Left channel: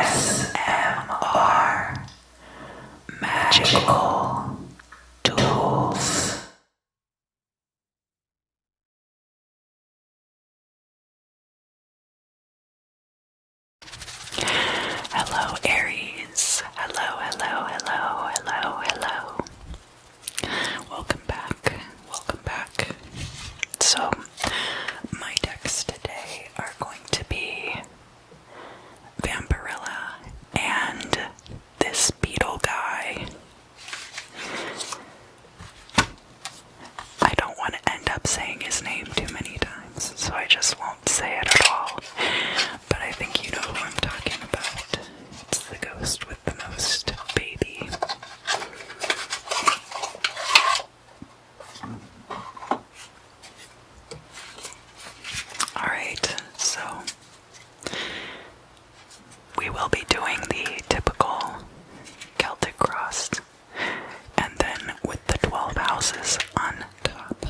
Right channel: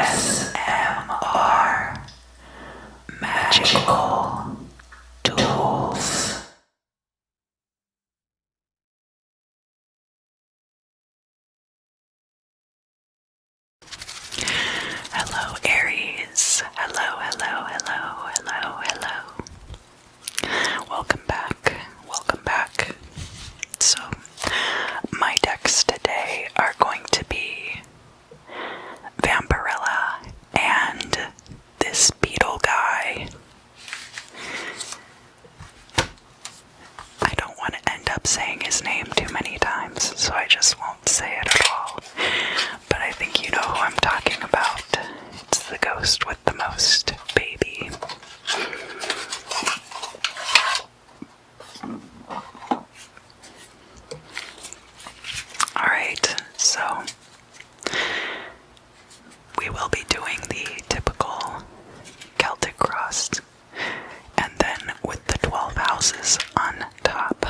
ASMR Magical Tools. Hello, Aries. Hello, hello, hello, hello, hello. Welcome back. Welcome back. So, my decks today are going to be Vampirella and this beetle guy. I don't want to end up saying his name too many times, so I just won't say it at all. But I think you know who I'm talking about. It's the ghost with the most, baby. Alright, so we will be doing the typical Celtic cross, and then with the 12 houses on top.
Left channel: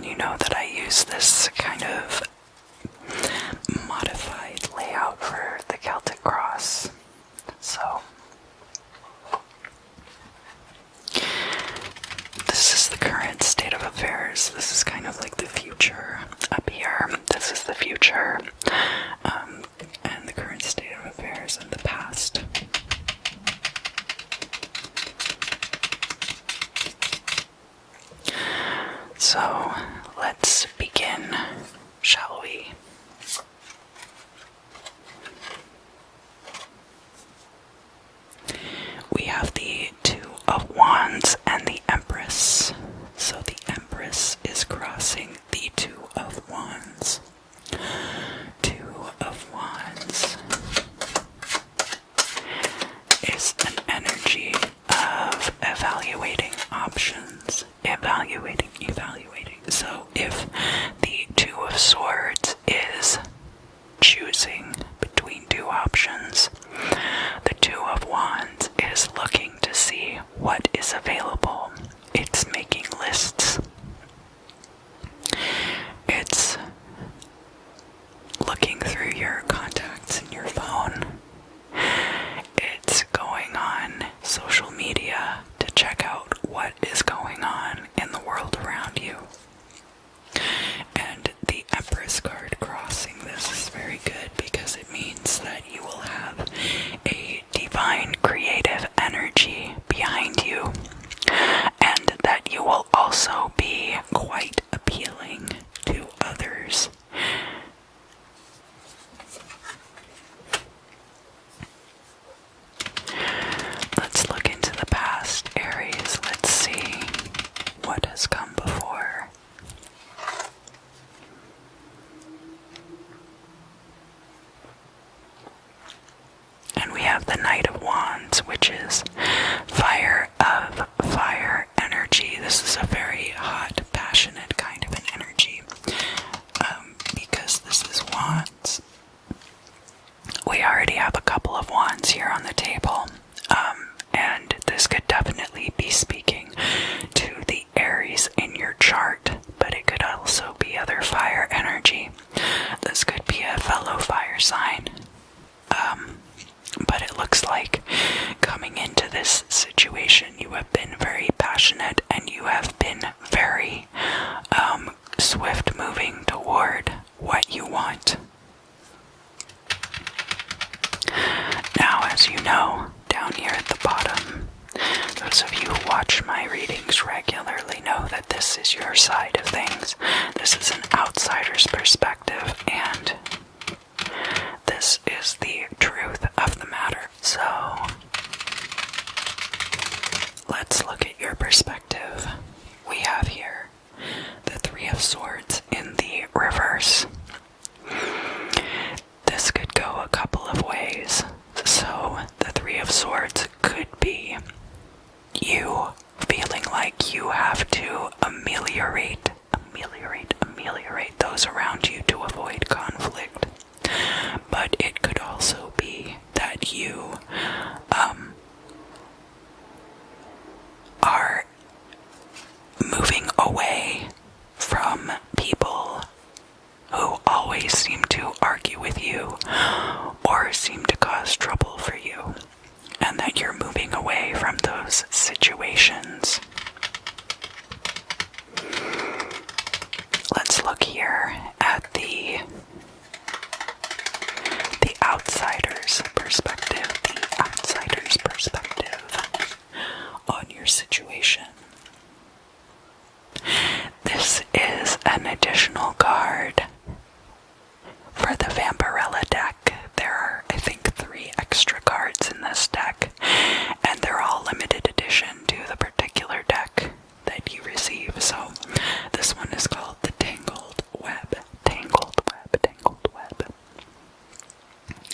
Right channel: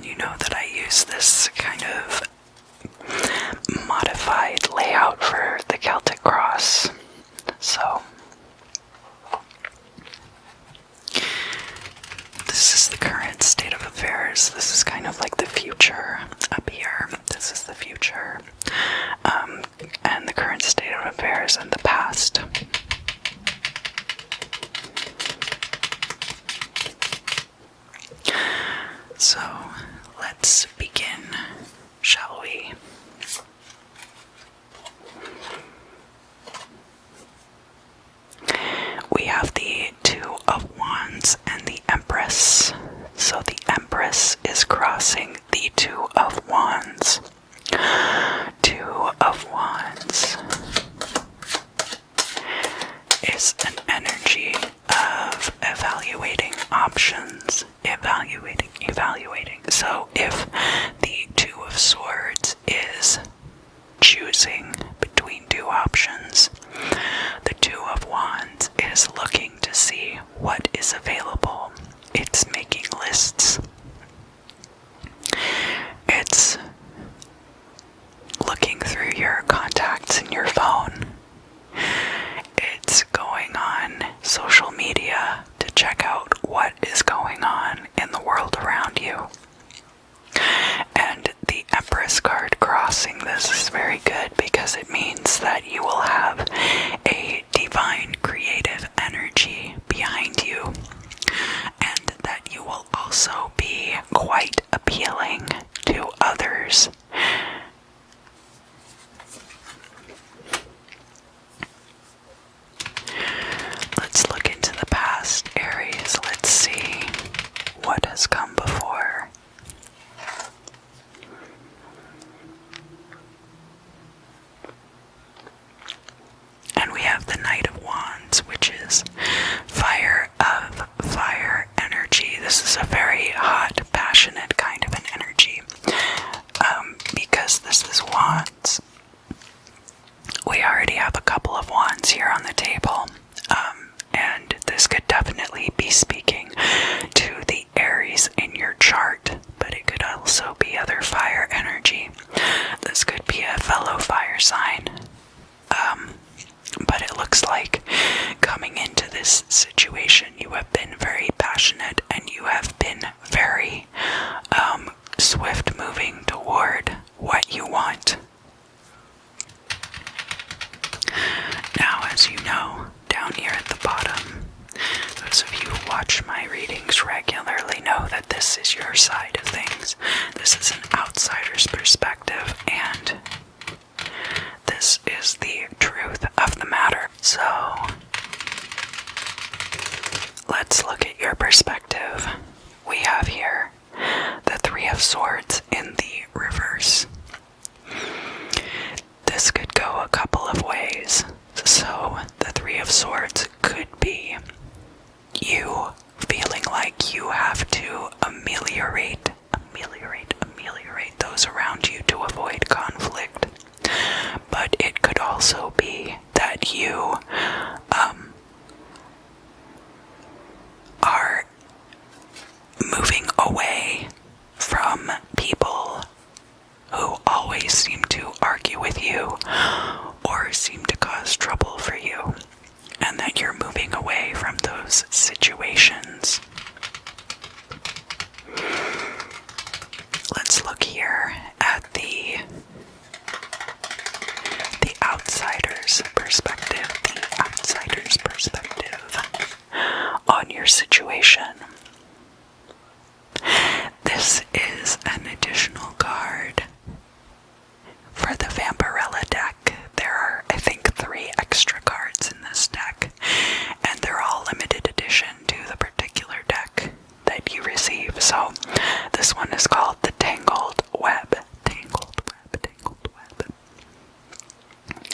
You know that I use this kind of modified layout for the Celtic cross. So this is the current state of affairs. This is kind of like the future up here. This is the future, and the current state of affairs and the past. So let's begin, shall we? We have the Two of Wands and the Empress. So the Empress is crossing the Two of Wands. Two of Wands is an energy of evaluating options. Evaluating. So if the Two of Swords is choosing between two options, the Two of Wands is looking to see what is available. It's making lists. It's looking through your contacts in your phone. It's going on social media to check out what is going on in the world around you. And the Empress card crossing this is very good because it means that you will have a divine creative energy behind you, and that you will also be quite appealing to others. Let's look into the past, Aries. Let's see what has come before. And we have the Knight of Wands, which is fire of fire energy. This is a very hot, passionate kind of an energy, because this is Wands. We already have a couple of Wands here on the table, and this could definitely be speaking to the Aries in your chart, but it could also be other fire energy. This could be a fellow fire sign. But it looks like coming into this situation, you have been very passionate and you have been very swift moving toward what you want. Now, as you know, down here at the bottom, those of you who watch my readings regularly know that this is your side of things. This is an outsider's perspective, and this is the truth of the matter. So, let's look at your perspective. We have here the Three of Swords in the reverse. This could go a couple of ways. So, the Three of Swords could be you feeling like you have to ameliorate those around you to avoid conflict. But it could also be that you are moving away from people who always seem to argue with you or seem to cause trouble for you, and that you're moving away from those situations. Let's look here at the outsider's perspective, on your situation. This is an additional card for the Vampirella deck. There are, I think, 3 extra cards in this deck, and they're all limited edition to the particular deck that you receive. So this one is called the Tangled Web.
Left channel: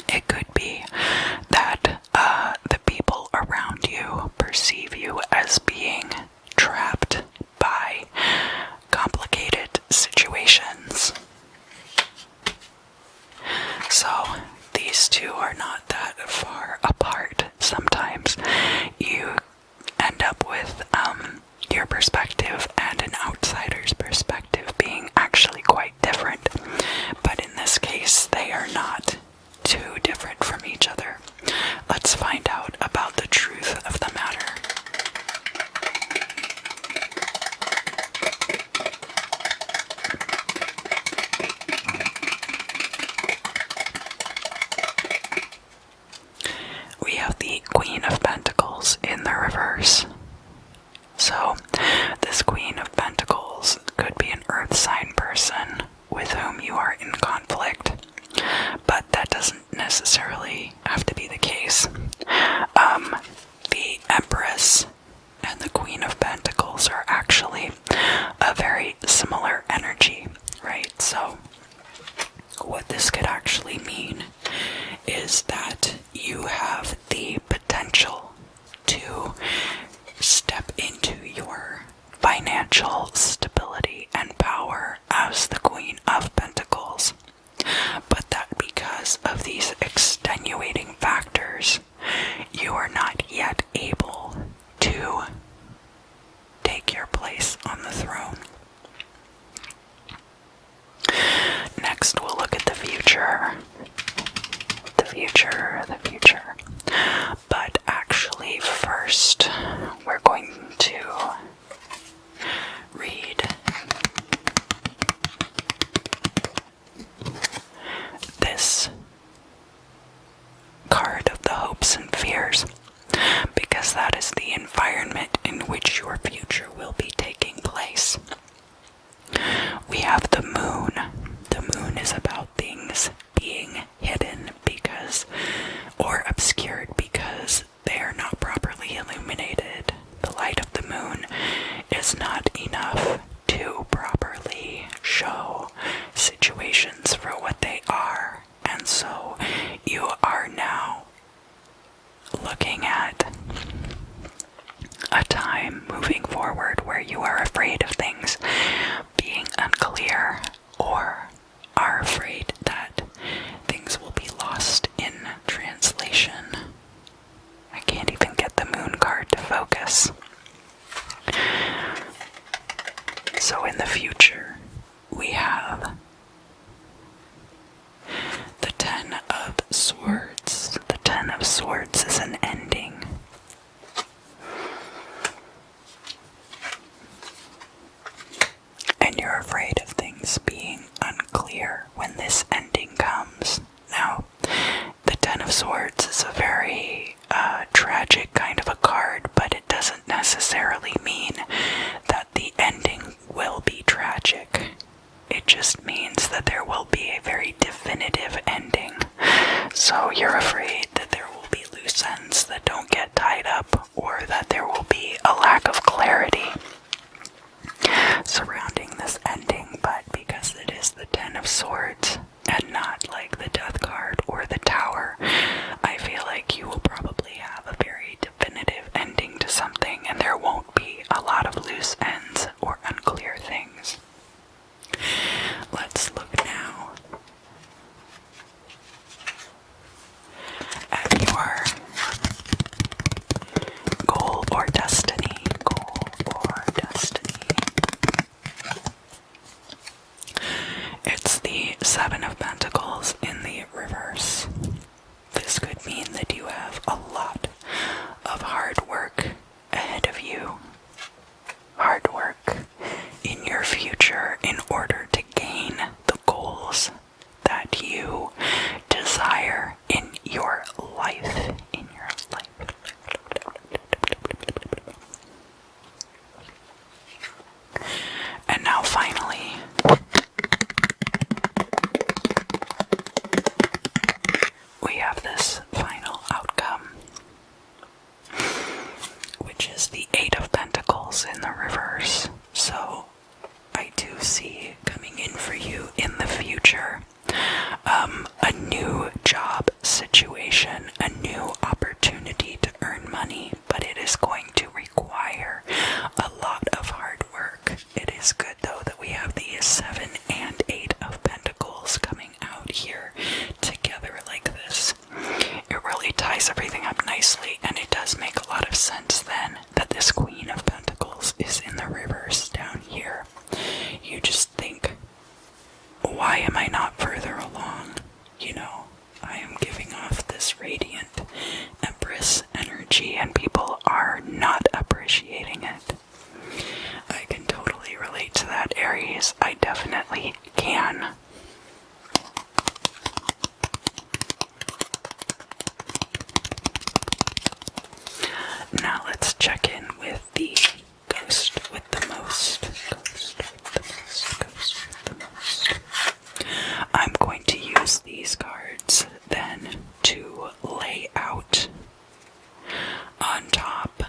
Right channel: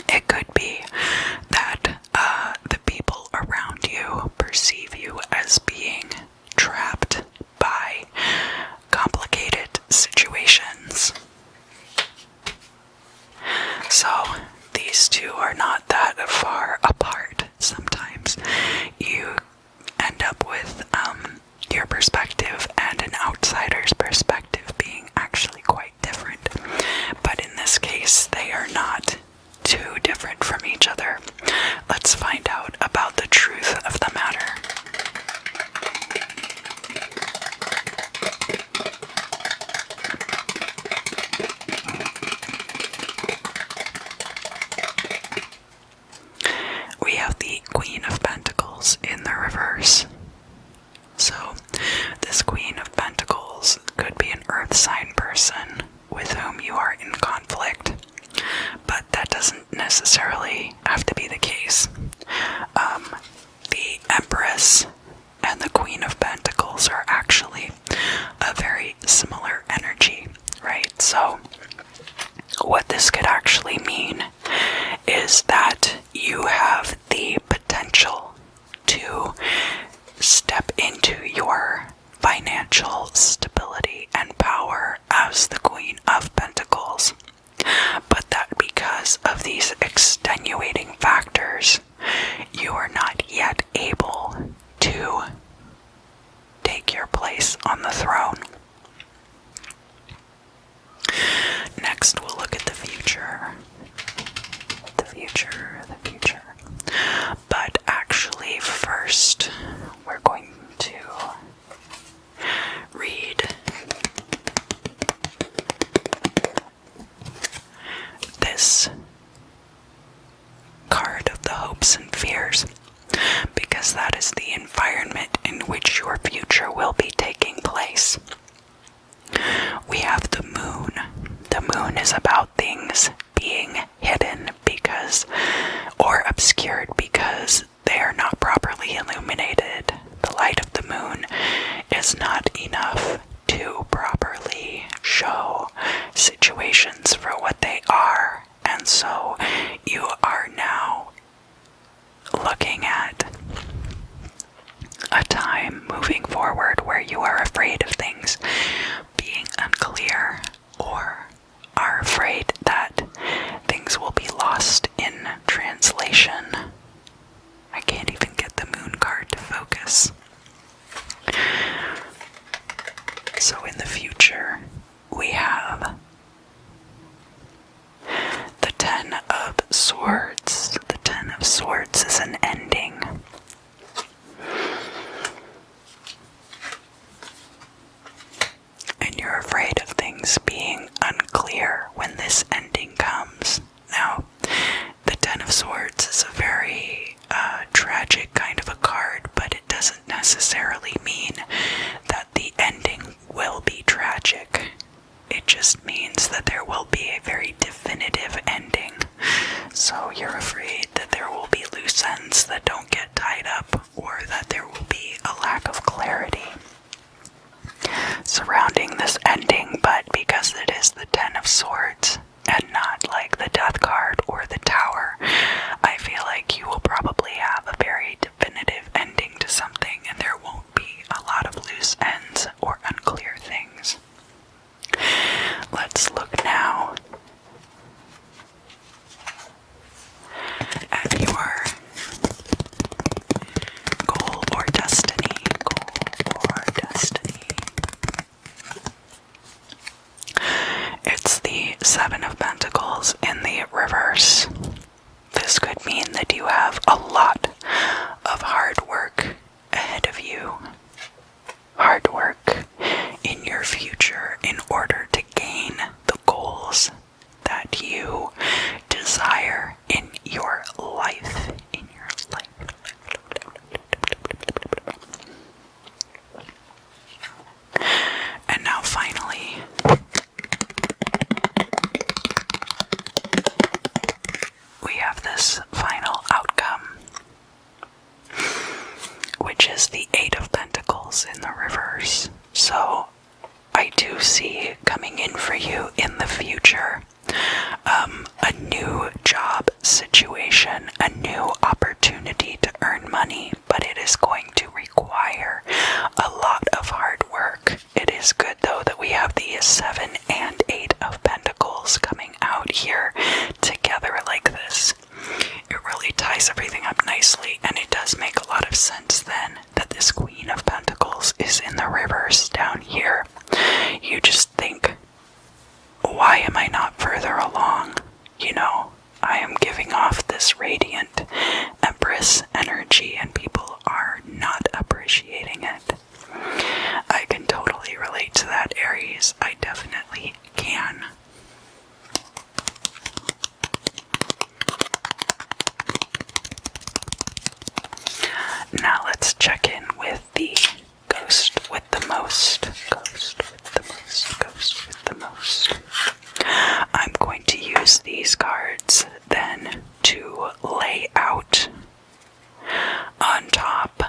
It could be that the people around you perceive you as being trapped by complicated situations. So these two are not that far apart. Sometimes you end up with your perspective and an outsider's perspective being actually quite different. But in this case, they are not too different from each other. Let's find out about the truth of the matter. We have the Queen of Pentacles in the reverse. So, this Queen of Pentacles could be an earth sign person with whom you are in conflict, but that doesn't necessarily have to be the case. The Empress and the Queen of Pentacles are actually a very similar energy, right? So, what this could actually mean is that you have the potential to step into your financial stability and power as the Queen of Pentacles, but that because of these extenuating factors, you are not yet able to take your place on the throne. Next, we'll look at the future. The future. But actually, first, we're going to read this card of the hopes and fears, because that is the environment in which your future will be taking place. We have the moon. The moon is about things being hidden or obscured because they are not properly illuminated. The light of the moon is not enough to properly show situations for what they are, and so you are now looking at a time moving forward where you are afraid of things being unclear, or are afraid that things will be lost in translation. I can't even get the moon card to focus. So in the future, we have means an ending. And you're afraid of things being unclear when this ending comes. Now, the Ten of Swords is a very tragic kind of a card, but it doesn't necessarily mean that the ending will be tragic. It just means that there will be a very definitive ending. So you're afraid that there will be loose ends that don't get tied up, or that there will be a lack of clarity surrounding this ending. But because it is the Ten of Swords and not like the Death card or the Tower, I feel like you will probably have a very definitive ending to something, and there won't be a lot of loose ends or unclear things. Let's look now at your goal or destiny. Goal or destiny. It's the Seven of Pentacles in the reverse. This could mean that you have a lot of hard work ahead of you. Hard work in your future in order to gain the goals that you desire in your life. And now finally, we have this final outcome, which is the Eight of Pentacles in the reverse. So I do see coming in for you in the future a new job situation, a new opportunity to earn money, but it is going to require a lot of hard work. It is good though that we have the Seven and Eight of Pentacles coming out here together like this. It really ties everything up nicely, and it does make a lot of sense then that this Queen of Pentacles is in the reverse down here. You just think, why am I not further along? You know, I am giving off this radiant Empress energy and people are not appreciating it. I can totally relate to that, Aries. I definitely can. Now let's check in with the ghost with the most. Ghost with the most. Ghost with the most. I'm going to use these cards then to lay out on top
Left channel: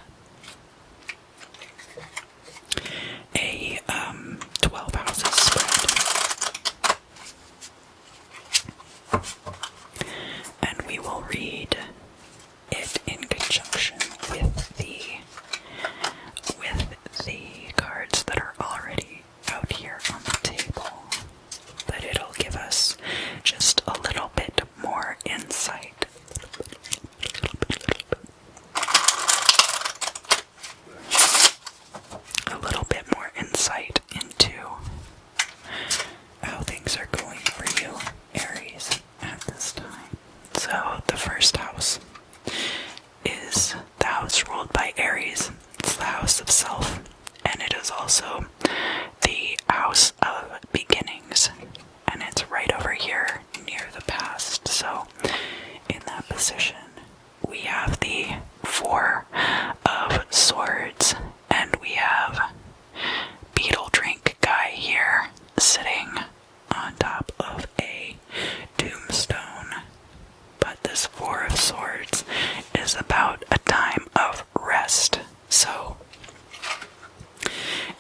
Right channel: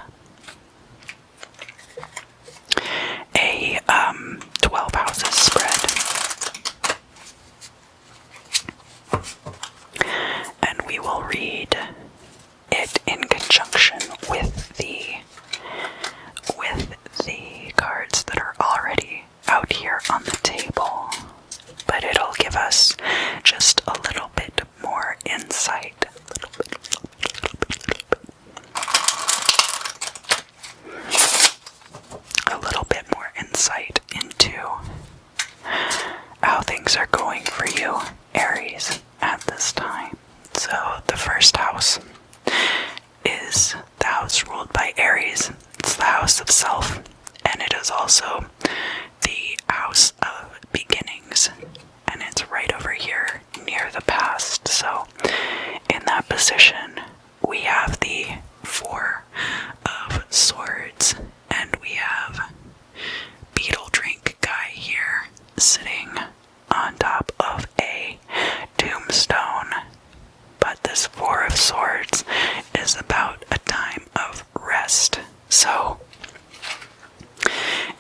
a 12 houses spread. And we will read it in conjunction with the cards that are already out here on the table. But it'll give us just a little bit more insight. A little bit more insight into how things are going for you, Aries, at this time. So the first house is the house ruled by Aries. It's the house of self, and it is also the house of beginnings, and it's right over here near the past. So in that position we have the Four of Swords, and we have Beetle Drink guy here sitting on top of a tombstone. But this Four of Swords is about a time of rest. So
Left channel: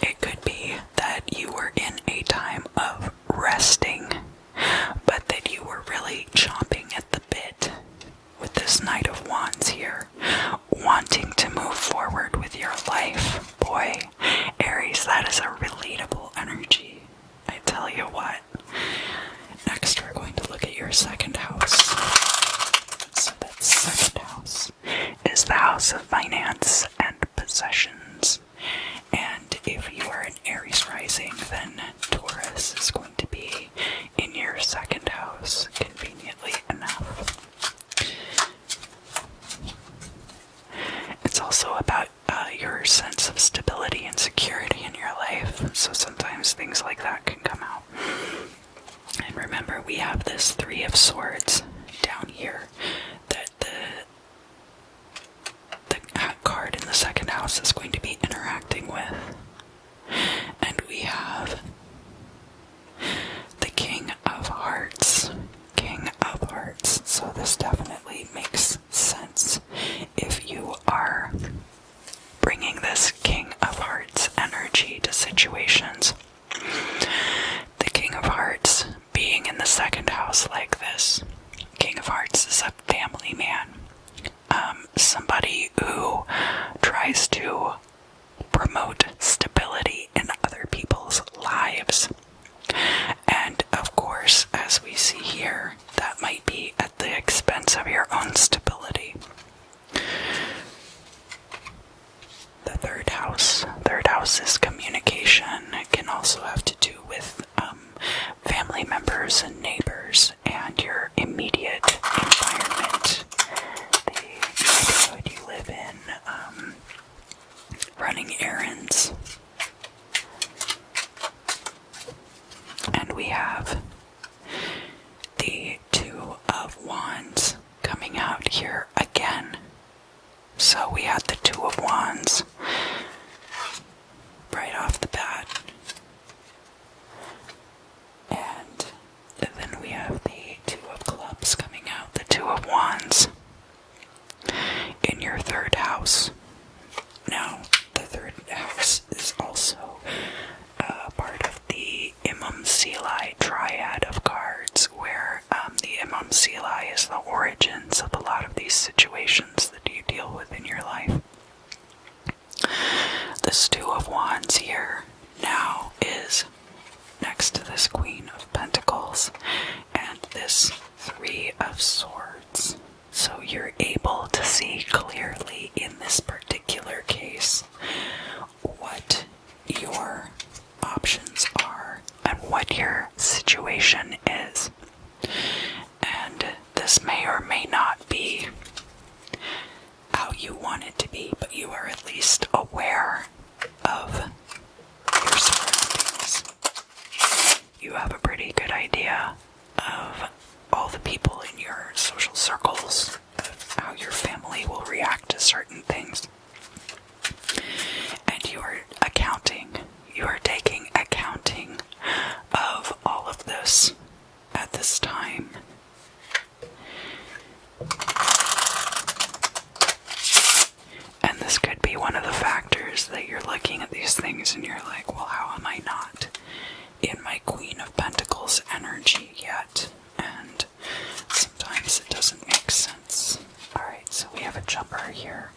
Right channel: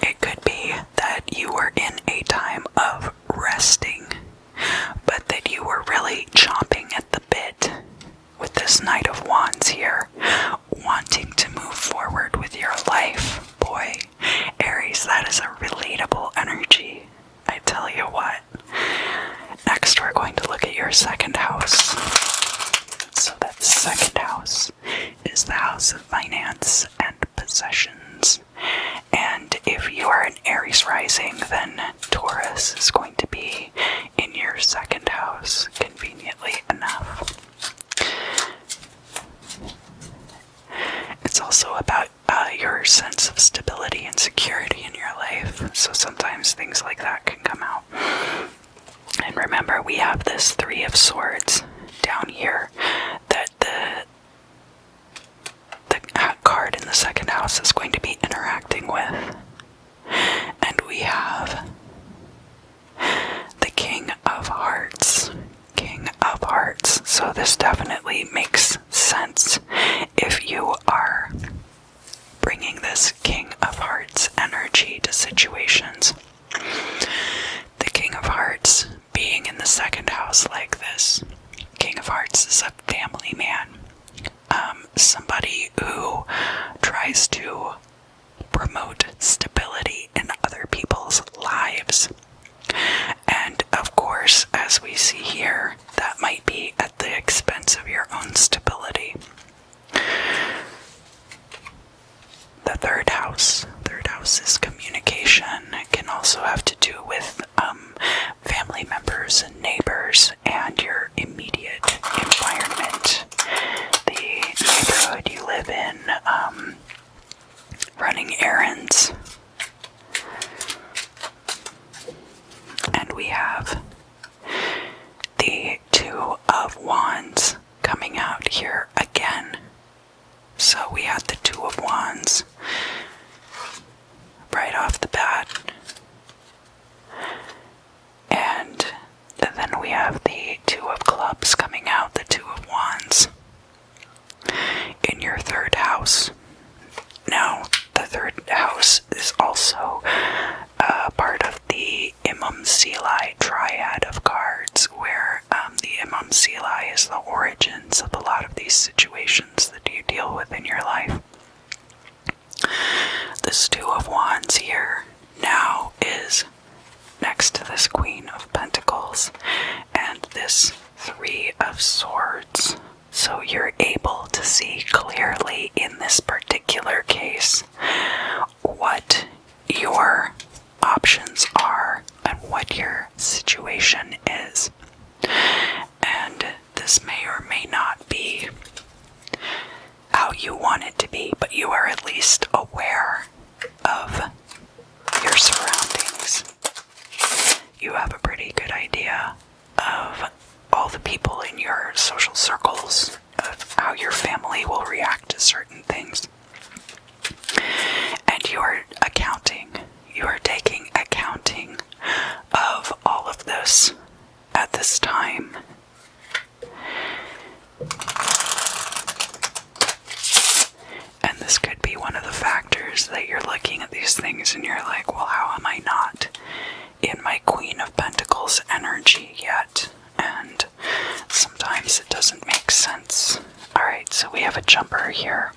it could be that you were in a time of resting, but that you were really chomping at the bit with this Knight of Wands here, wanting to move forward with your life. Boy, Aries, that is a relatable energy, I tell you what. Next, we're going to look at your second house. So that second house is the house of finance and possessions. And if you are an Aries rising, then Taurus is going to be in your second house, conveniently enough. we have this Three of Swords down here that the card in the second house is going to be interacting with. And we have the King of Hearts. King of Hearts. So this definitely makes sense if you are bringing this King of Hearts energy to situations. The King of Hearts being in the second house like this. King of Hearts is a family man. Somebody who tries to promote stability in other people's lives. And of course, as we see here, that might be at the expense of your own stability. The third house. Third house is communication. It can also have to do with family members and neighbors and your immediate environment. The neighborhood you live in, running errands. And we have the Two of Wands coming out here again. So we had the Two of Wands right off the bat. And then we have the Two of Clubs coming out, the Two of Wands in your third house. Now, the third house is also part of the Imam Silai triad of cards, where the Imam Silai is the origins of a lot of these situations that you deal with in your life. This Two of Wands here now is next to this Queen of Pentacles and this Three of Swords. So you're able to see clearly in this particular case what your options are and what your situation is. And this may or may not be how you want it to be, but you are at least aware of your surroundings. You have a pretty good idea of all the people in your social circles, of how your family will react to certain things. And you are taking accounting of all of this at this time. And this could be one of the factors that you're looking at these things and you're like, well, how am I not in my Queen of Pentacles energy yet? And sometimes it doesn't make sense. Alright, so we have a jumper here.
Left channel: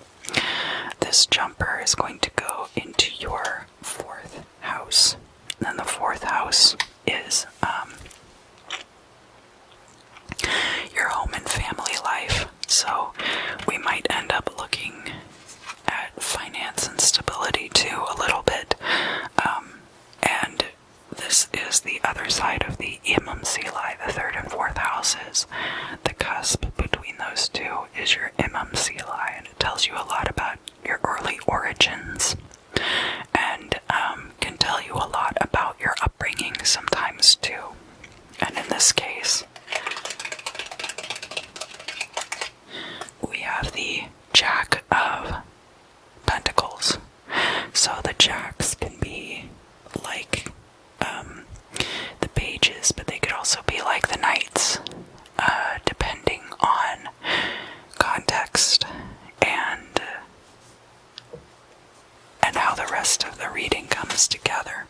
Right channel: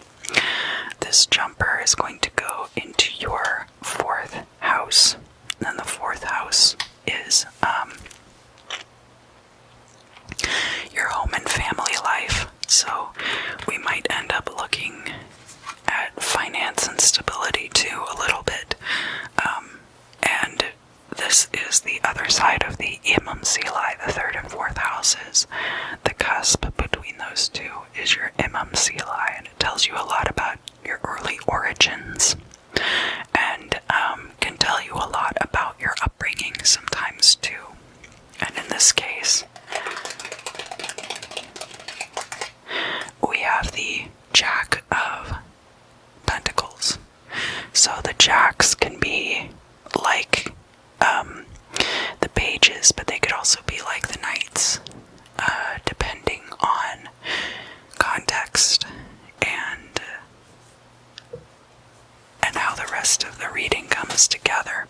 This jumper is going to go into your fourth house. And the fourth house is your home and family life. So we might end up looking at finance and stability too a little bit. And this is the other side of the Imam Silai, the third and fourth houses. The cusp between those two is your Imam Silai, and it tells you a lot about your early origins, and can tell you a lot about your upbringing sometimes too. And in this case, we have the Jack of Pentacles. So the Jacks can be like the pages, but they could also be like the knights, depending on context and how the rest of the reading comes together.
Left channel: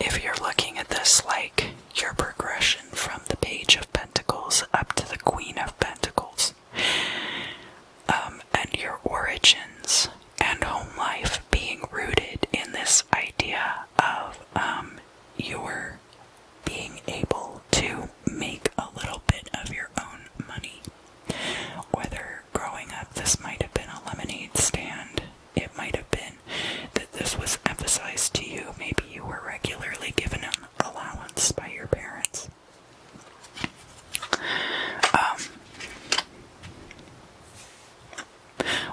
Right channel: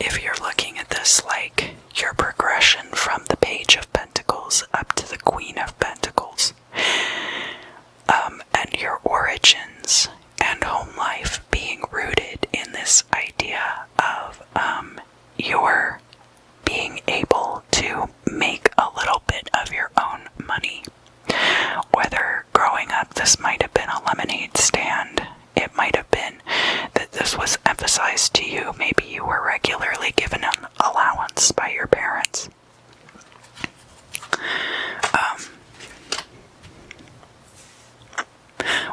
If you're looking at this like your progression from the Page of Pentacles up to the Queen of Pentacles, and your origins and home life being rooted in this idea of your being able to make a little bit of your own money. Whether growing up this might have been a lemonade stand, it might have been that this was emphasized to you, maybe you were regularly given an allowance by your parents.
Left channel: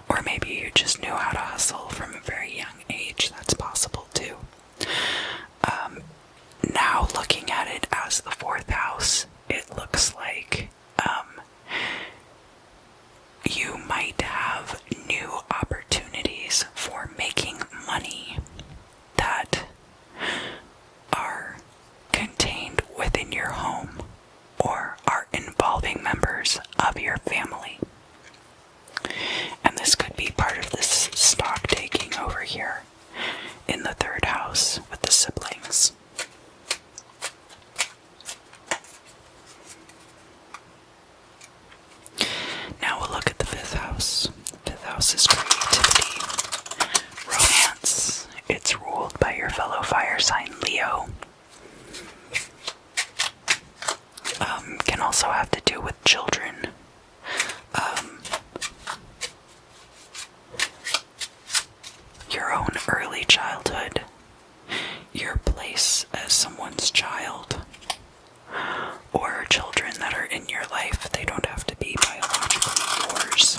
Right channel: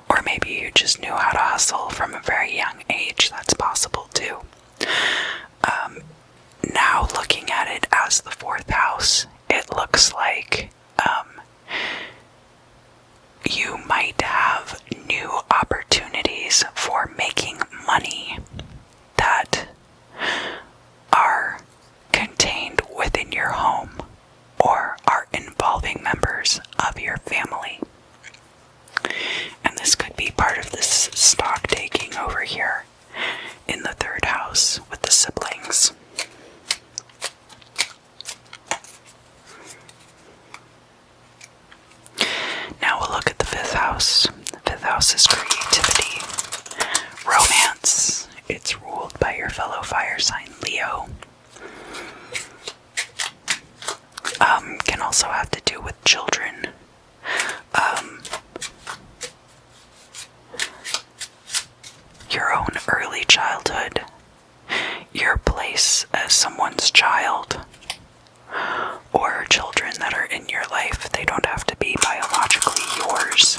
Or maybe you just knew how to hustle from a very young age. That's possible too. Now looking at it as the 4th house, it looks like you might have new opportunities for making money that are contained within your home or are involving members of your family. And this could be part of this stock taking over here in the 3rd house with the siblings. Now we'll look at the 5th house. The 5th house is creativity, romance. It's ruled by your fellow fire sign Leo. Can also have to do with children. Your own early childhood, your place as someone's child, or children that are in your life. They don't have to be biologically yours.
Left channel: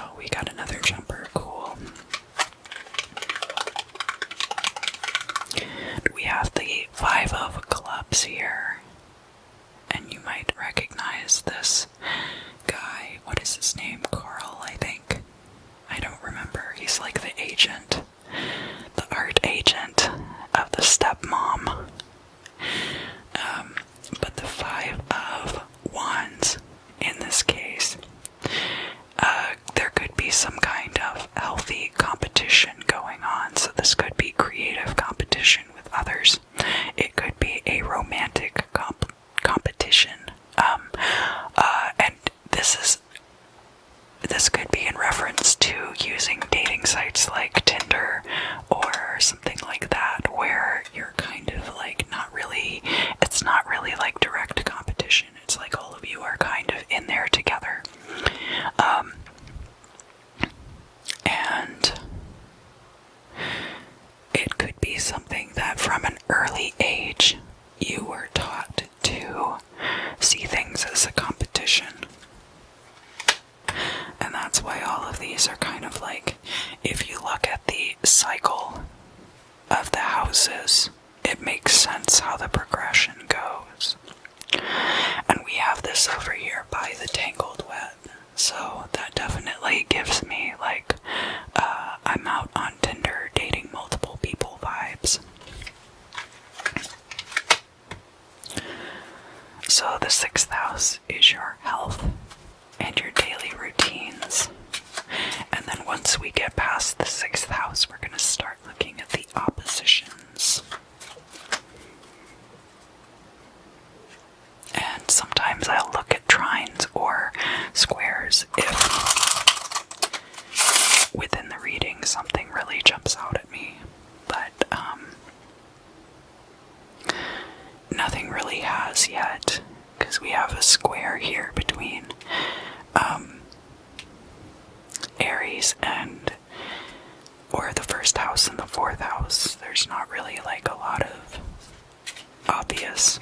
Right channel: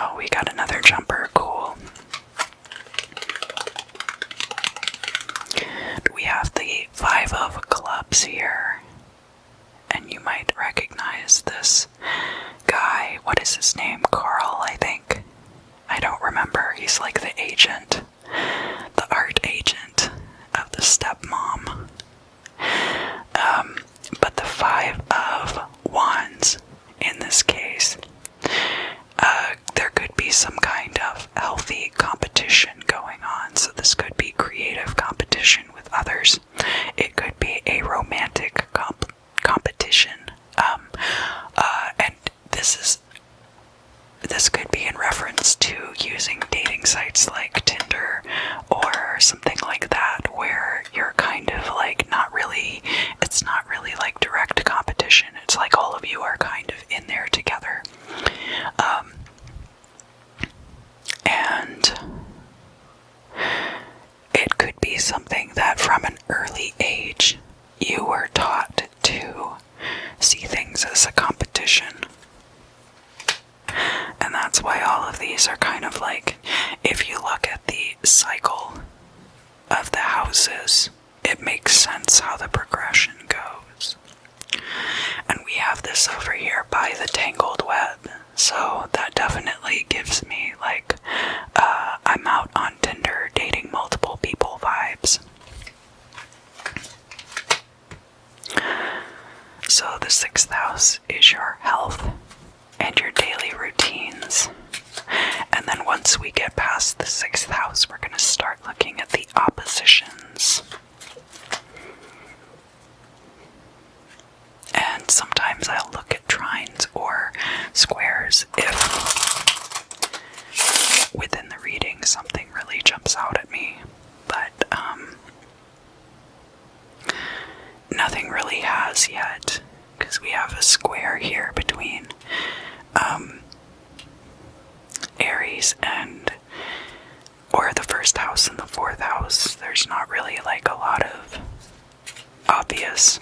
Oh, we got another jumper. Cool. We have the 5 of clubs here. And you might recognize this guy. What is his name? Carl, I think. I don't remember. He's like the agent, the art agent of the stepmom. But the 5 of wands in this case, there could be some kind of healthy competition going on. So this could be creative competition with others. It could be a romantic competition. And this could be in reference to using dating sites like Tinder or something like that, where you're kind of like it's not really like direct competition. It's like all of you are kind of in there together. And it could be something that from an early age you were taught to see things as a competition. And that's why all of these are kind of like, if you look at the cycle of the houses, it makes sense how the progression goes. And we have this over here by the tangled web. So that definitely gives me like, I'm out on Tinder dating multiple people vibes. So the 6th house is your health and your daily routines. And then once we get past the 6th house, we're going to start looking at the oppositions. And sometimes I'll look at trines or squares if within the reading something really jumps out at me. But nothing really has yet, because we have a square here between Aries or the 1st house and the 4th house. There's not really like a lot of obvious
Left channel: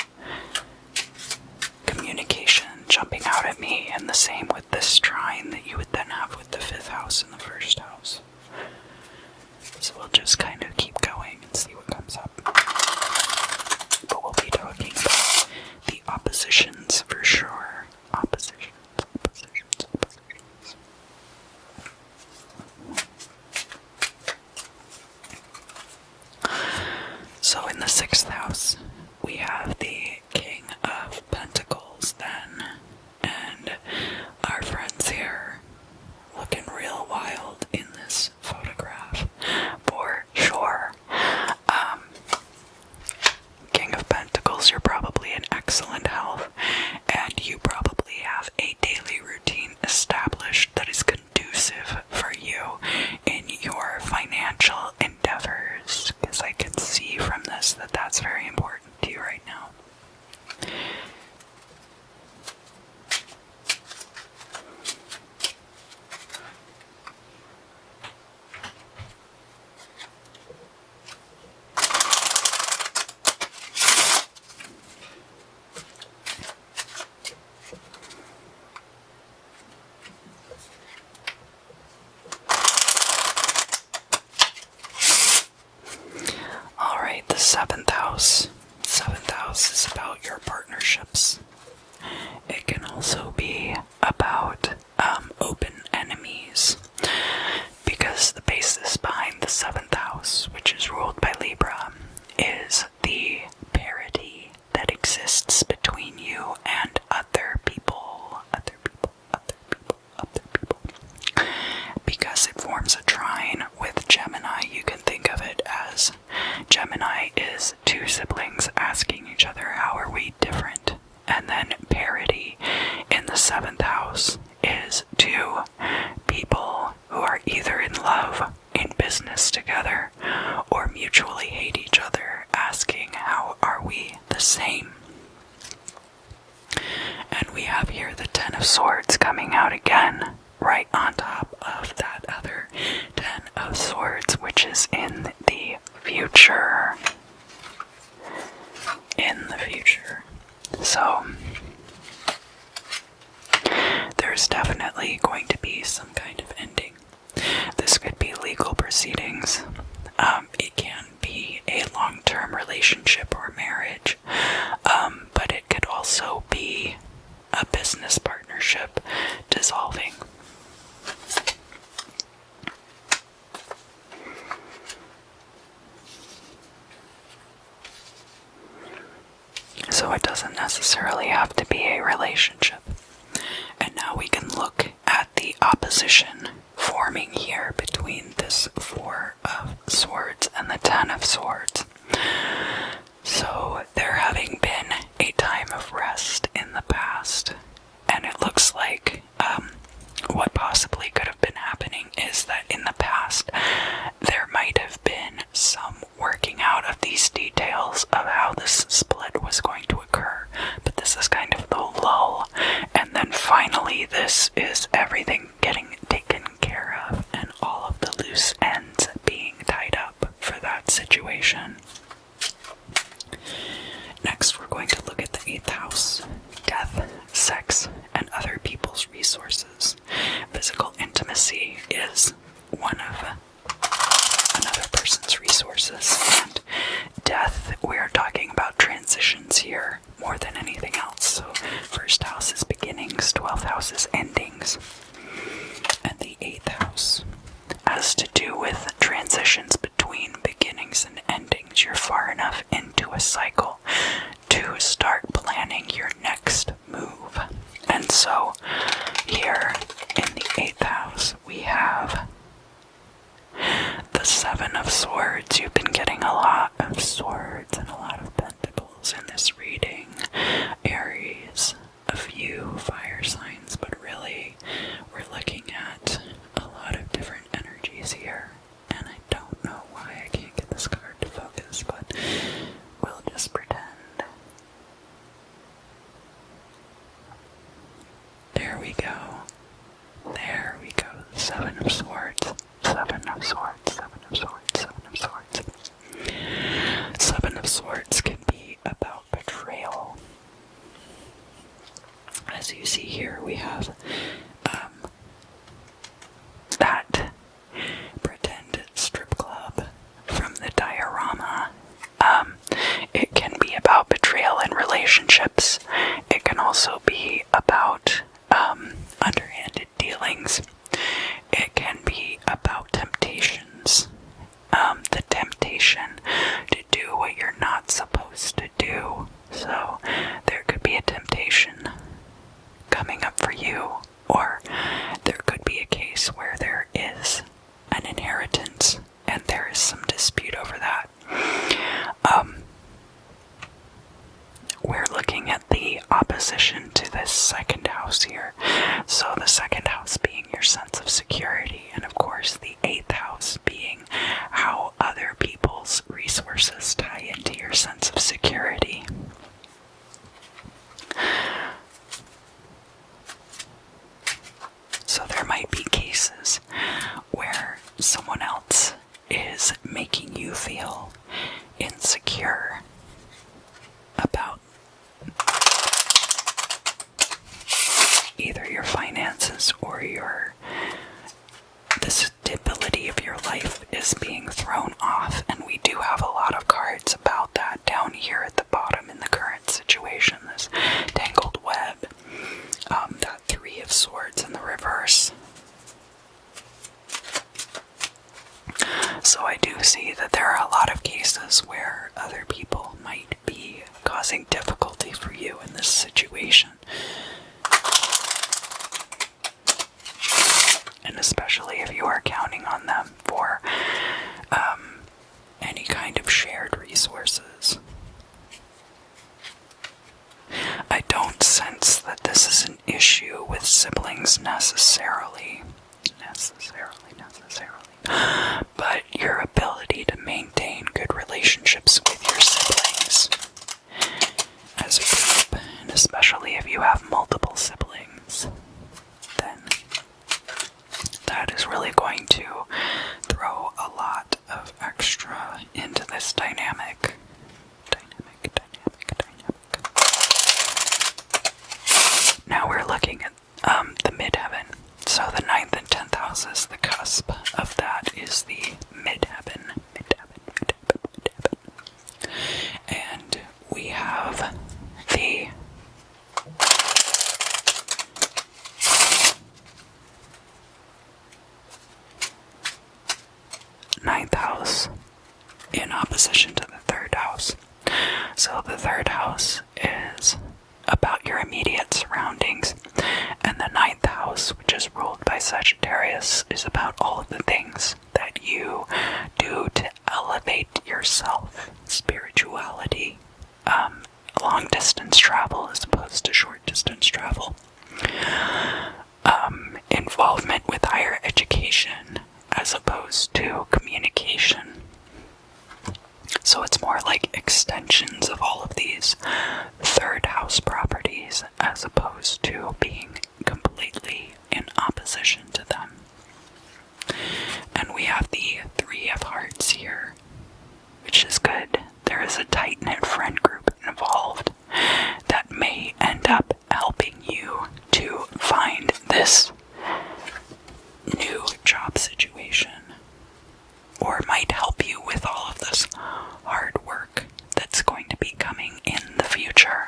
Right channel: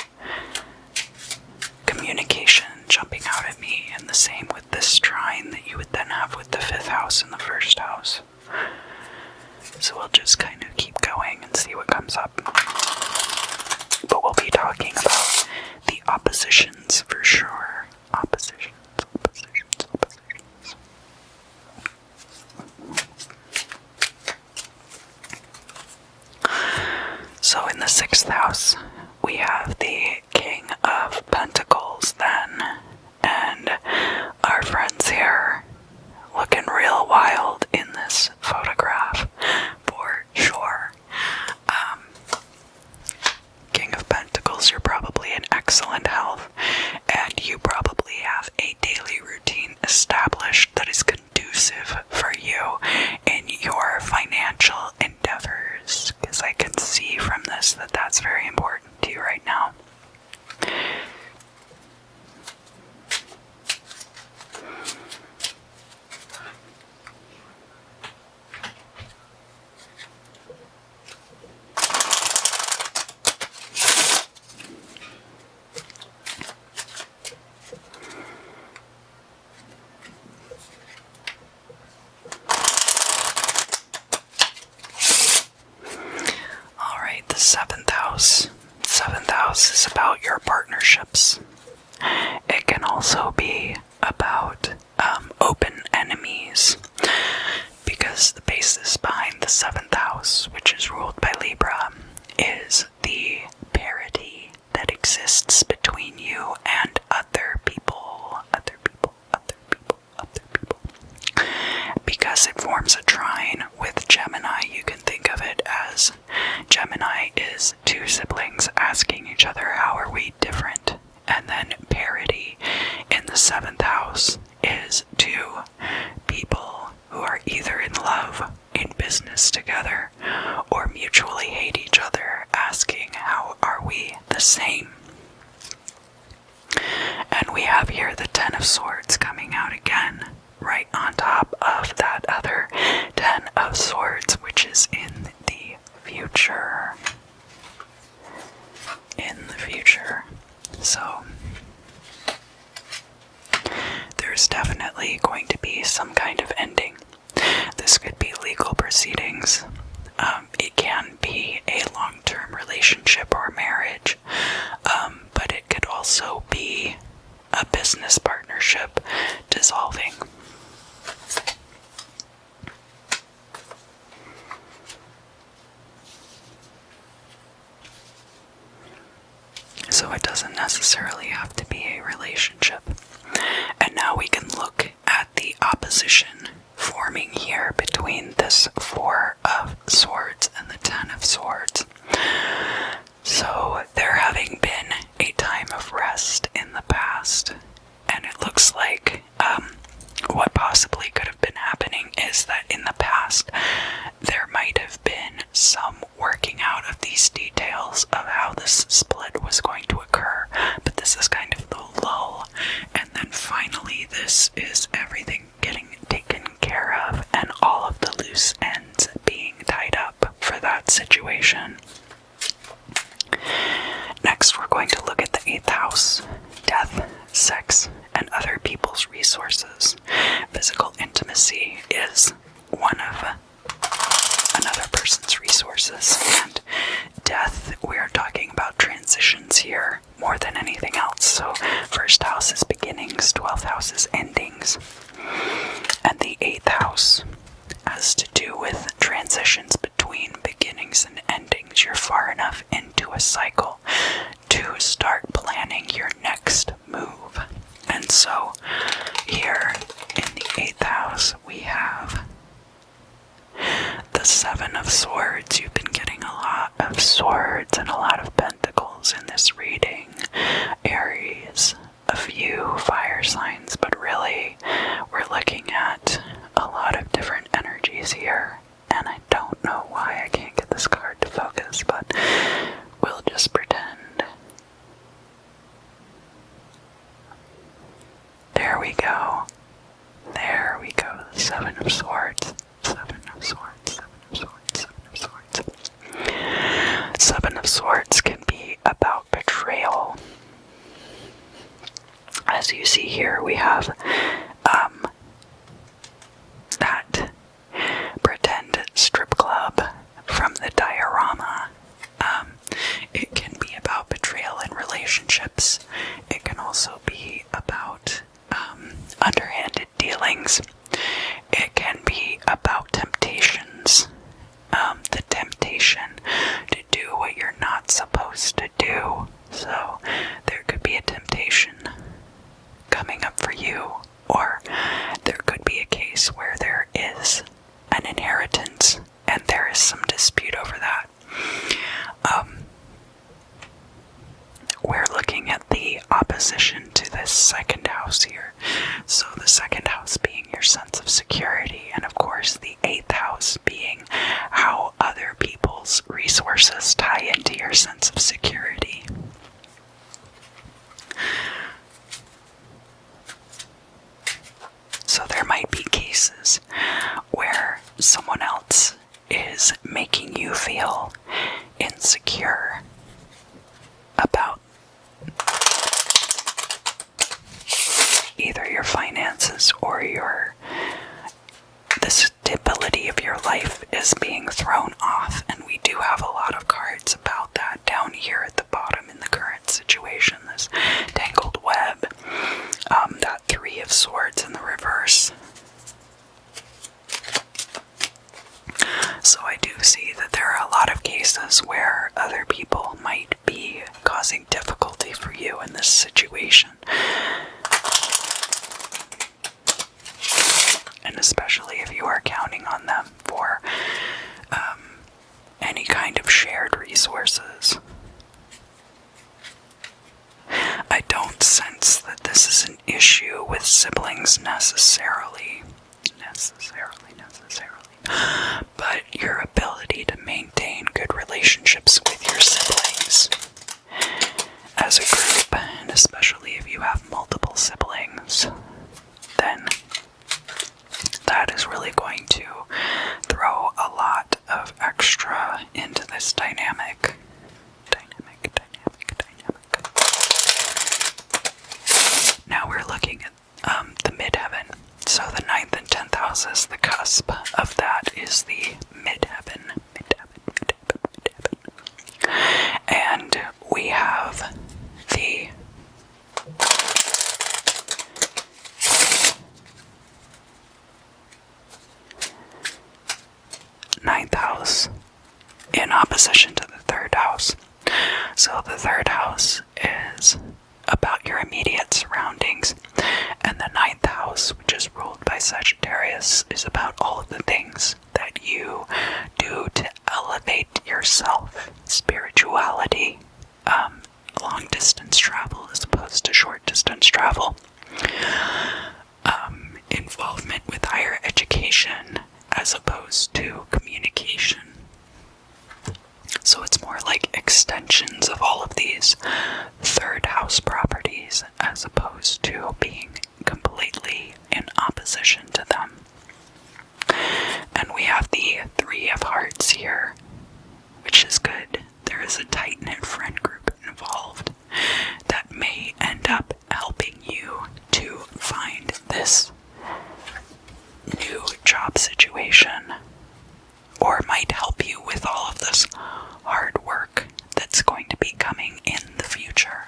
communication jumping out at me, and the same with this trine that you would then have with the 5th house and the 1st house. So we'll just kind of keep going and see what comes up. But we'll be talking about the oppositions for sure. Oppositions. So in the 6th house, we have the King of Pentacles then, and our friends here looking real wild in this photograph for sure. King of Pentacles, you're probably in excellent health, and you probably have a daily routine established that is conducive for you in your financial endeavors, because I can see from this that that's very important to you right now. house. 7th house is about your partnerships. It can also be about open enemies, because the basis behind the 7th house, which is ruled by Libra, is the parity that exists between you and other people, because it forms a trine with Gemini. You can think of it as Gemini is two siblings asking each other, how are we different? And then parity in the 7th house is two people who are either in love, in business together, or mutually hate each other, asking, how are we the same? And we have here the 10 of Swords coming out again, right on top of that other 10 of Swords, which is in the future. In the future. So, there's definitely going to be some kind of ending. This could be legal proceedings. It can be a long-term relationship or marriage, but it could also be a business partnership dissolving. So it doesn't necessarily have to be a relationship. And now we can look at the opposition forming here between this 4 of Swords and the 10 of Swords. So there having been a time of rest in the past, and it looks like what possibly could have been happening is that in the past there might have been some working out of these details of how this split was going to occur, but this is kind of the lull, and then finally this is everything getting taken care of and all of the loose ends being tied up for that situation. Next, we're going to look at the 8th house, death, sex, and other people's resources. Physical intimacy is one of another person's resources, and death, we're talking about transitions here more than anything else. So 1st house is beginnings, 12th house is endings, and the 8th house has to do with transitions between beginnings and endings. You're far enough into a cycle to start planning your next move. And so here in the 8th house we have the 7 of Swords. You've been getting a lot of swords and a lot of pentacles in this reading. Aries, a few fire signs, but really we're looking at a lot of different energies here. And I don't know why I can't get this card to focus, but we'll just pretend. There we go. There we go. The 7 of Swords. 7 of Swords. 7 of Swords. 7 of Swords. 7 of Swords can be about betrayal. As you see here, we have that pretend strip club from the diorama. It can be about betrayal in relationships. It can also be about underhanded dealings. It can be about temptations. The temptation to do what you're not supposed to do. So there could be a temptation coming up for you, or there could be a case where there is an inheritance and there is some dispute over that. We're looking at the opposition to this 2nd house here. So the 2nd house being your sense of security, and of course the 8th house being how other people's resources tie into your sense of security. So there might be cases where someone else is making you feel insecure about either your finances or the stability of your life is being thrown off, and we do have a lot of cards about that down So I do see that there are a lot of cases where other people might be causing difficulty for you in this situation. And especially if you are counting on them for any kind of shared resources. I don't sense that this is an issue with siblings necessarily, but your ability to maintain good relationships with your siblings as a group, and especially if you have multiple siblings, then that is really going to throw a lot of extra into this dynamic. Now we're looking at the midheaven. So the 9th and 10th houses, the cusp of that is the midheaven. And we have the ninth house in opposition to the 3rd house. So the 3rd house is about your immediate surroundings, and the 9th house, which is ruled by Sagittarius, is about all of the things that you do to elevate yourself. Spirituality, long distance travel as opposed to short distance travel, involvement with higher education as opposed to communication. So it's more like extensions of all of these 3rd house properties as opposed to being completely in opposition to them. And we have the 3 of Hearts here, which is good. There is a tight-knit friend group involved that may end up helping you to find this new job situation, or might help you with all of this hard work that's going to be coming in the future.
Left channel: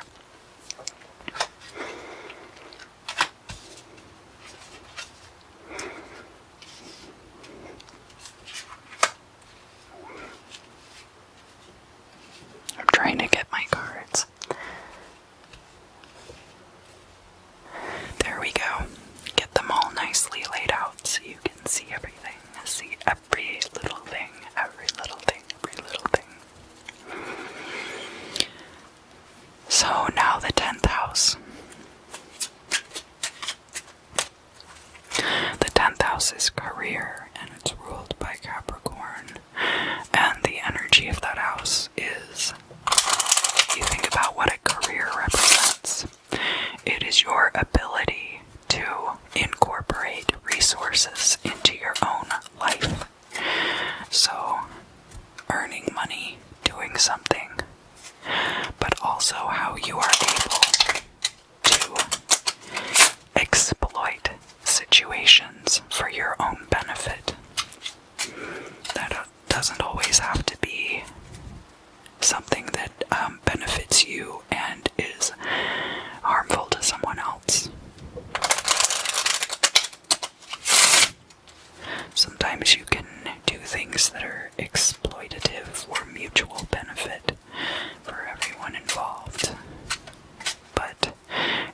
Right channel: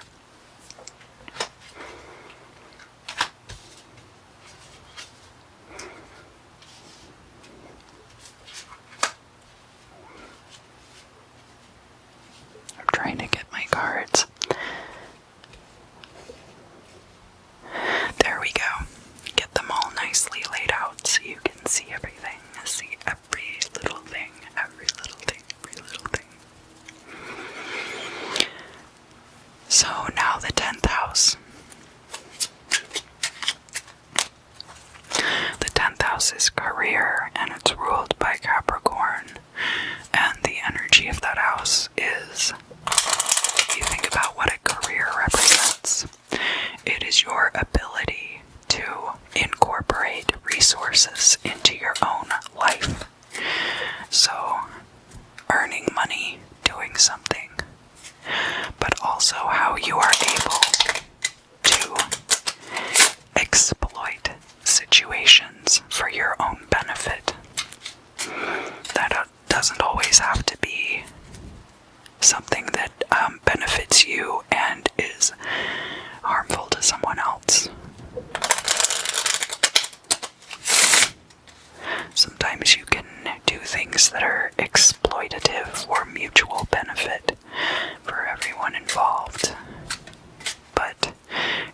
I'm trying to get my cards. There we go. Get them all nicely laid out so you can see everything. See every little thing, every little thing, every little thing. So now the 10th house. The 10th house is career, and it's ruled by Capricorn. And the energy of that house is, you think about what a career represents. It is your ability to incorporate resources into your own life. So, earning money, doing something, but also how you are able to exploit situations for your own benefit. That doesn't always have to be something that benefits you and is harmful to someone else. Sometimes you can do things that are exploitative for mutual benefit for everyone involved. But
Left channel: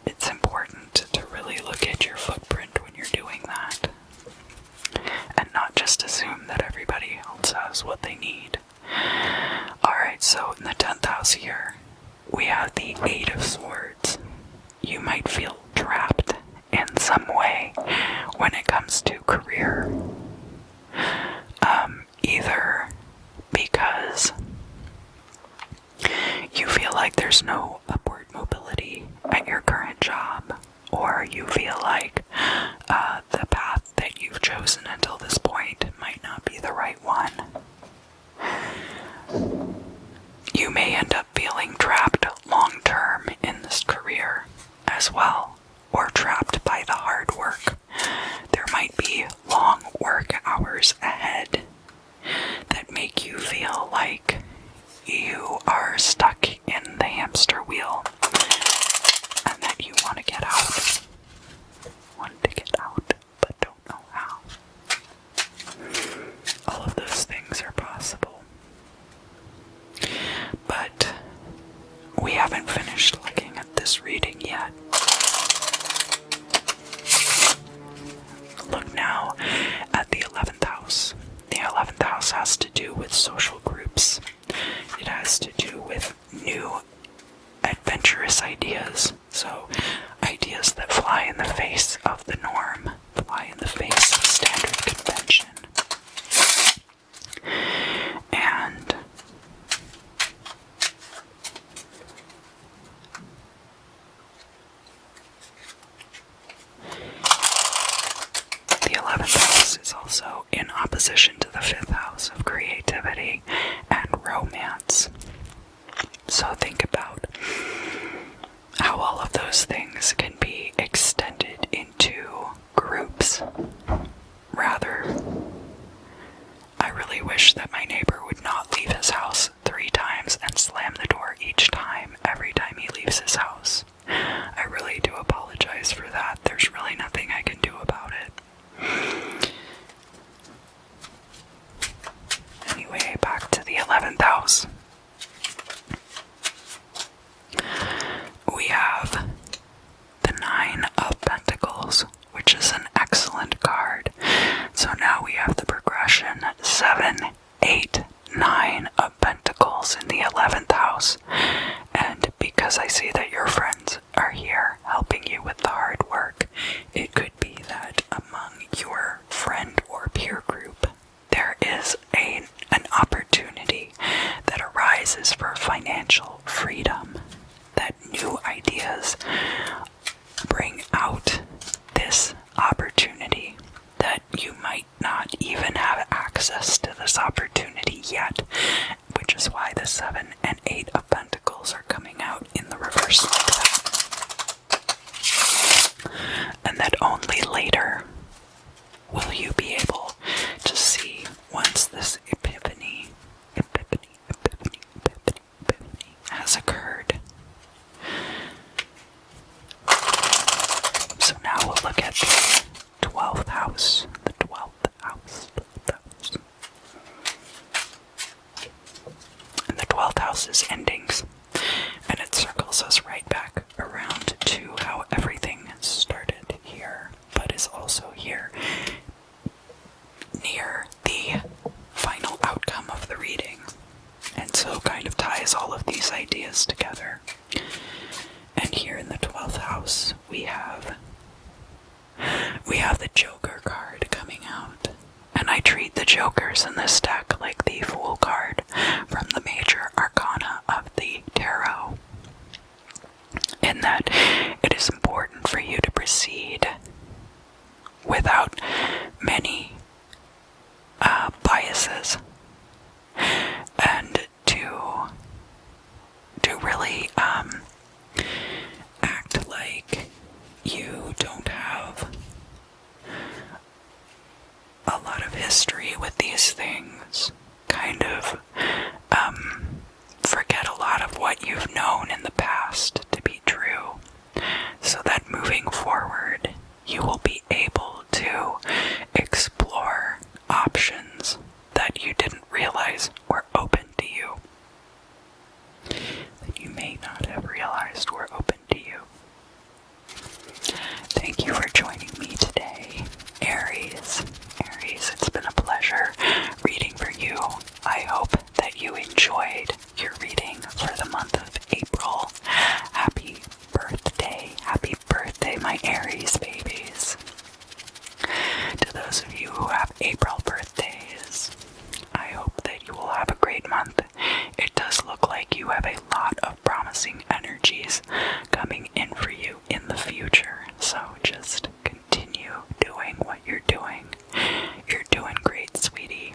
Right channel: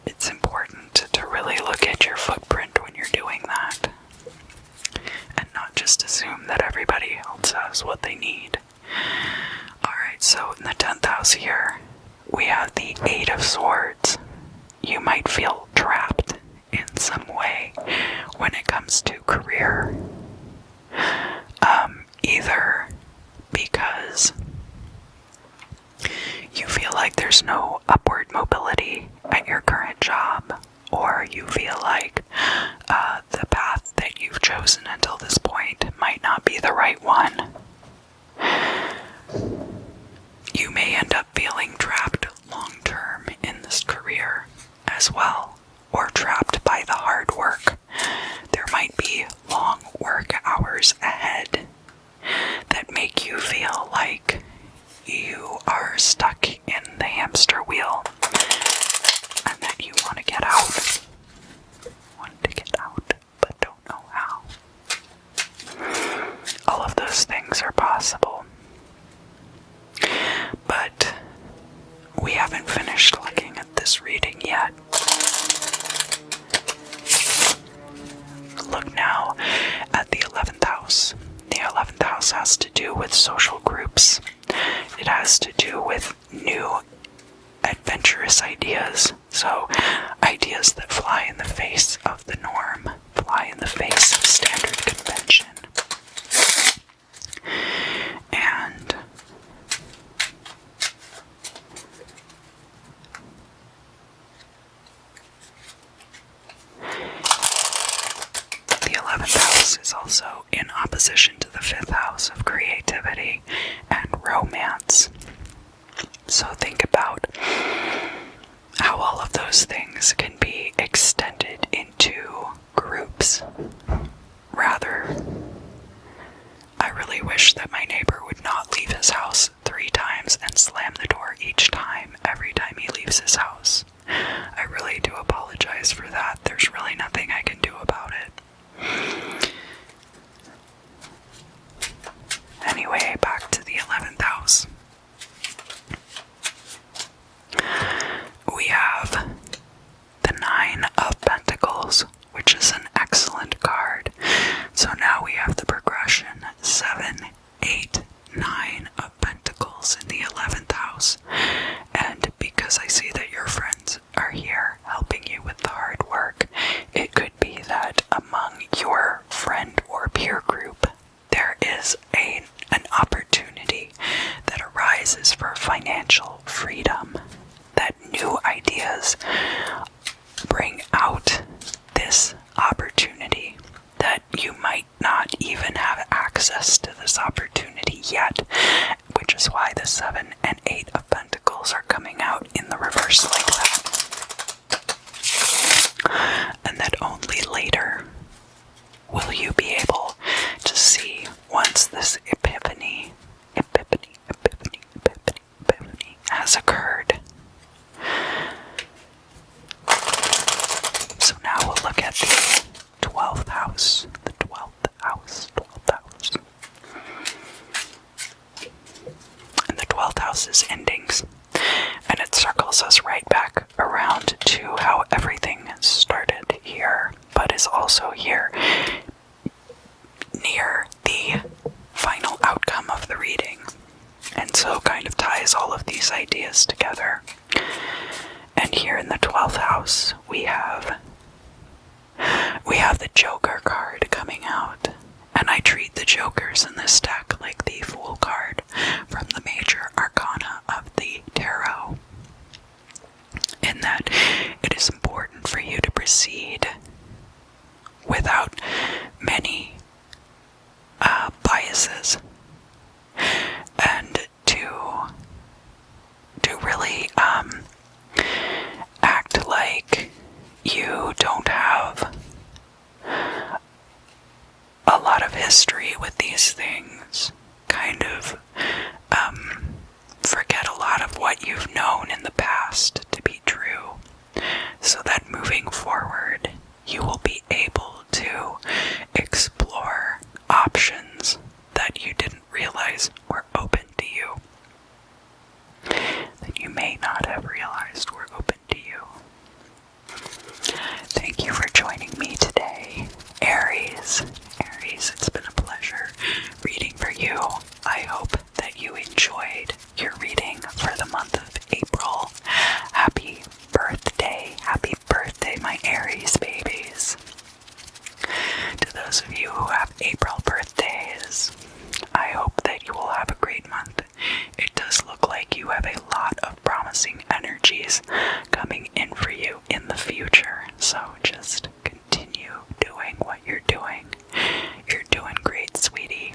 it's important to really look at your footprint when you're doing that, and not just assume that everybody else has what they need. Alright, so in the 10th house here, we have the 8 of Swords. You might feel trapped in some way when it comes to career. Either because you feel like there's no upward mobility at your current job, or you feel like the path that you've chosen until this point might not be the right one. You may end up feeling trapped long-term in this career as well, or trapped by the hard work. There might be long work hours ahead that make you feel like you are stuck in the hamster wheel and that you want to get out. Want to get out, but don't know how. All of those things finished looking at this reading yet. Look now at the 11th house. The 11th house has to do with social groups. It has to do with new adventurous ideas. So, ideas that fly in the face of the norm, fly in the face of standard convention. And the 11th house is also in opposition to the 5th house of creativity and romance. So think about how all of those things can be extended into groups. Rather, I really wish that my neighbor would not leave his house 3 times and slam the door each time, every time he leaves his house. I really do apologize for that. There's really nothing I can do about it. Anyway, back to the 11th house. We have the 9 of Pentacles, which is an excellent card. So now we have the progression 7, 8, 9 of Pentacles in the 11th house. And because I see that your friends are here helping you with the hard work, it could be that among your friend or peer group, there is an opportunity that arises for financial freedom. That new ideas bring out this opportunity, that you might not even have access to this opportunity yet, which is why the 7 and 8 of Pentacles are coming out in the reverse like that. And that only later will you be able to see, once this epiphany has occurred. So now we'll look at the 12th house. The 12th house. And the 12th house is endings. And it circles us right back around to how everything started here, but is also here near the final outcome of the reading. And so kind of ties all of these ideas together. And here in the 12th house, we have the Joker card coming out. And I treat the Jokers in this deck like the Fool card from the major arcana of the Tarot. In that it is important for you to proceed without many biases, and to really act like you don't have a lot of history with these things. Kind of forget a lot of what you've known in the past to be true, so that moving forward you will be able to explore options that you didn't realize were open to you, that you may not have realized were open to you. Thank you for joining me today, Aries. Aries, it's been a pleasure reading for you. I hope that you enjoyed your reading for the month of April. Happy birthday, my Aries babies. To those of you who have April birthdays, I hope that you will have a great month. It does look like you have a lot of promising energies coming in for you in the future, so just continue doing what you're doing. You're doing great, sweetie.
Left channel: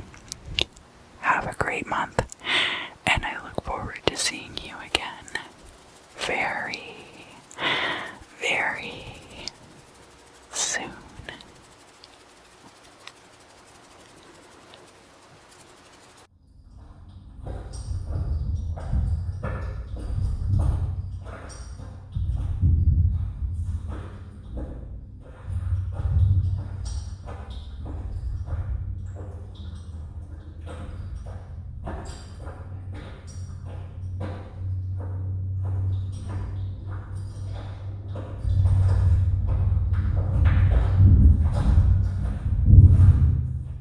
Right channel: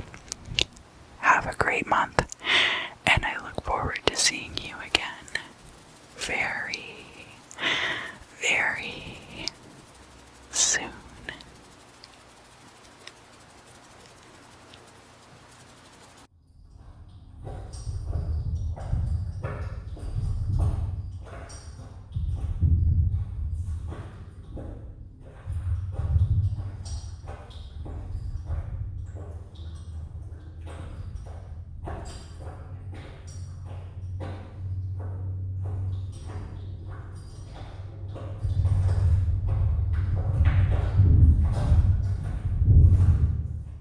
Have a great month.